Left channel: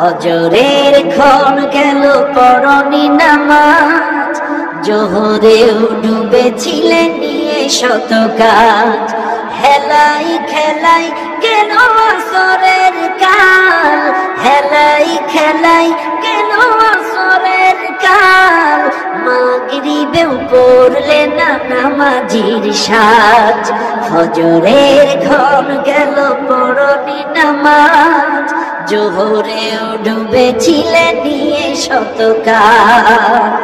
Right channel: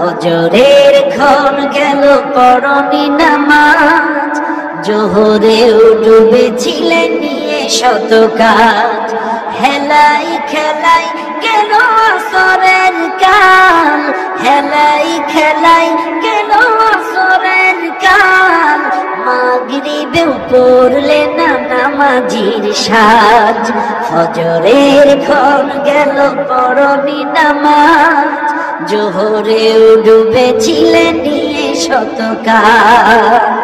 ফজরের ক্ষণ গেল পড়নি নামাজ, জোহরেও ডুবেছিলে নিয়ে শত কাজ। হেলাই খেলাই গেল আসরের কাল, হেলাই খেলাই গেল আসরের কাল। মাগরিবেও পড়লে না নামাজির সাজ, ফজরের ক্ষণ গেল পড়নি নামাজ, জোহরেও ডুবেছিলে নিয়ে শত কাজ।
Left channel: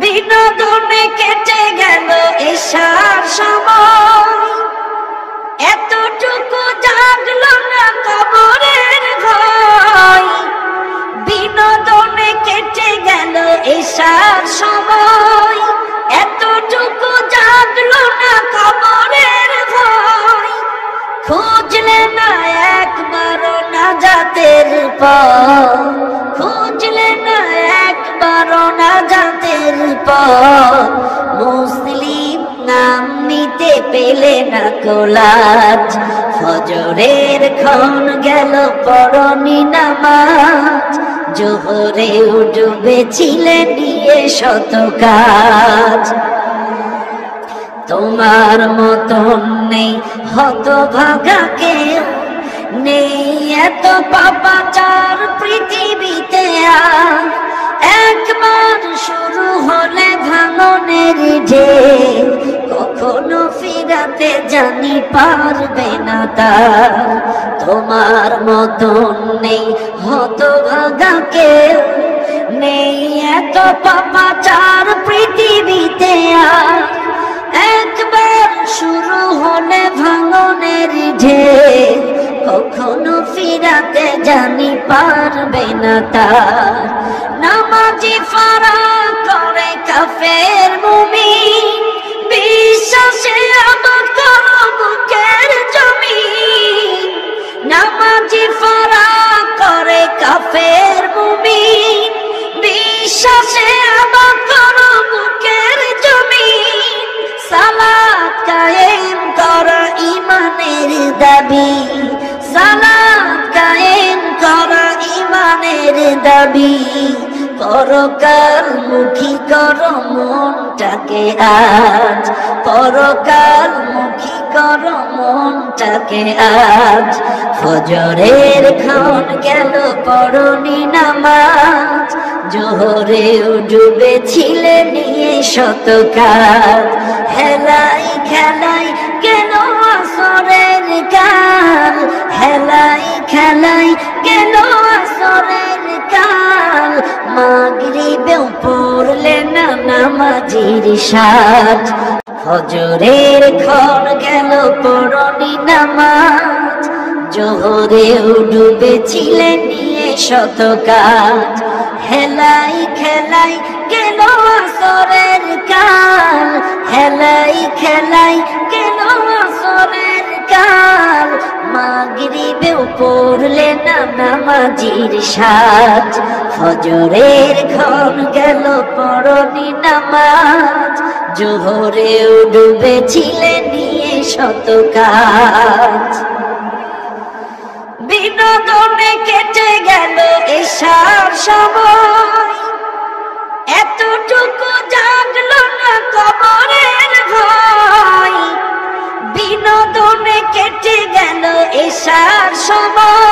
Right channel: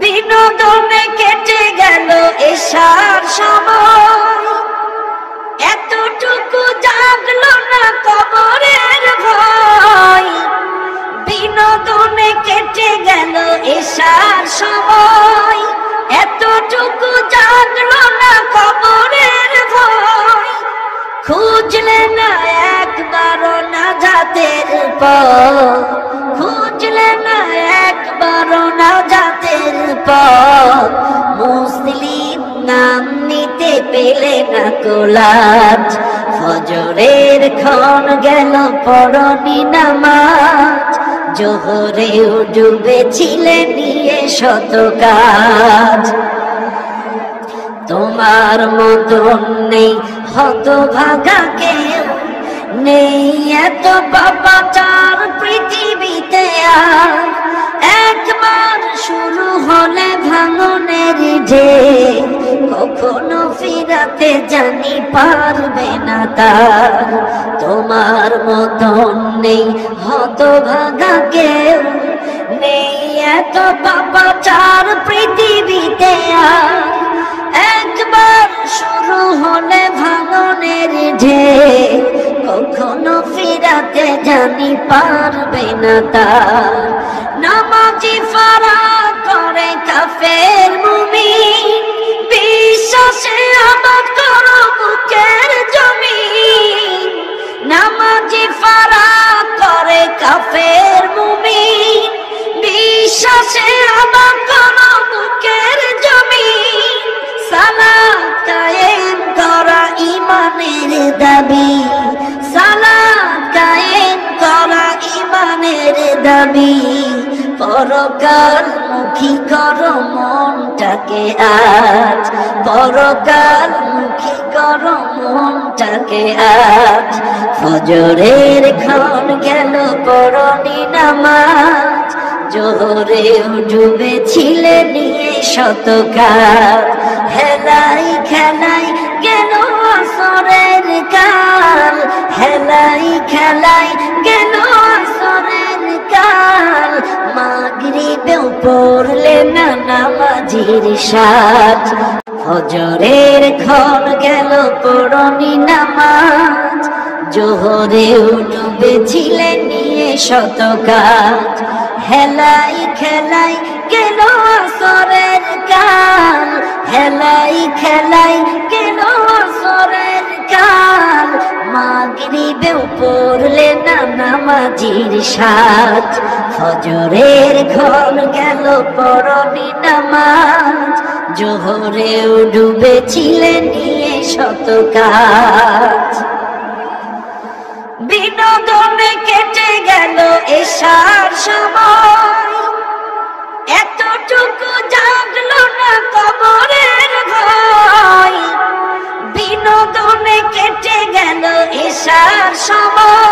বিনোদনে কেটে গেল এশার সময়, এতটুকু জাগলো না কবরের ভয়। বিনোদনে কেটে গেল এশার সময়, এতটুকু জাগলো না কবরের ভয়। খুঁজলে না একবারও নাজাতের পথ, খুঁজলে না একবারও নাজাতের পথ। মুসলিম নাম নিতে পেলে না কোলাজ, ফজরের ক্ষণ গেল পড়নি নামাজ, জোহরেও ডুবেছিলে নিয়ে শত কাজ। তোমার মতন নেই হতভাগা কেউ, নেই এত পাপাচার পৃথিবীতে আর। একবার শুরু হলে ভাঙনের যে, কখনো ফিরাতে জানি পারবে না তার। তোমার মতন নেই হতভাগা কেউ, নেই এত পাপাচার পৃথিবীতে আর। একবার শুরু হলে ভাঙনের ঢেউ, কখনো ফিরাতে জানি পারবে না তার। নামাজি ফারা করে কাফের মুমিন, বিশ্বাসে আবাদ করো বুকের জমিন। নামাজি ফারা করে কাফের মুমিন, বিশ্বাসে আবাদ করো বুকের জমিন। সালাত কায়েম করা ইমানের দাবি, সালাত কায়েম করা ইমানের দাবি। পরকাল মুখী করো মনটাকে আজ, পরকাল মুখী করো মনটাকে আজ। ফজরের ক্ষণ গেল পড়নি নামাজ, জোহরেও ডুবেছিলে নিয়ে শত কাজ। হেলাই খেলাই গেল আসরের কাল, হেলাই খেলাই গেল আসরের কাল। মাগরিবেও পড়লে না নামাজির সাজ, ফজরের ক্ষণ গেল পড়নি নামাজ, জোহরেও ডুবেছিলে নিয়ে শত কাজ। হেলাই খেলাই গেল আসরের কাল, হেলাই খেলাই গেল আসরের কাল। মাগরিবেও পড়লে না নামাজির সাজ, ফজরের ক্ষণ গেল পড়নি নামাজ, জোহরেও ডুবেছিলে নিয়ে শত কাজ। বিনোদনে কেটে গেল এশার সময়, এতটুকু জাগলো না কবরের ভয়। বিনোদনে কেটে গেল এশার সময়,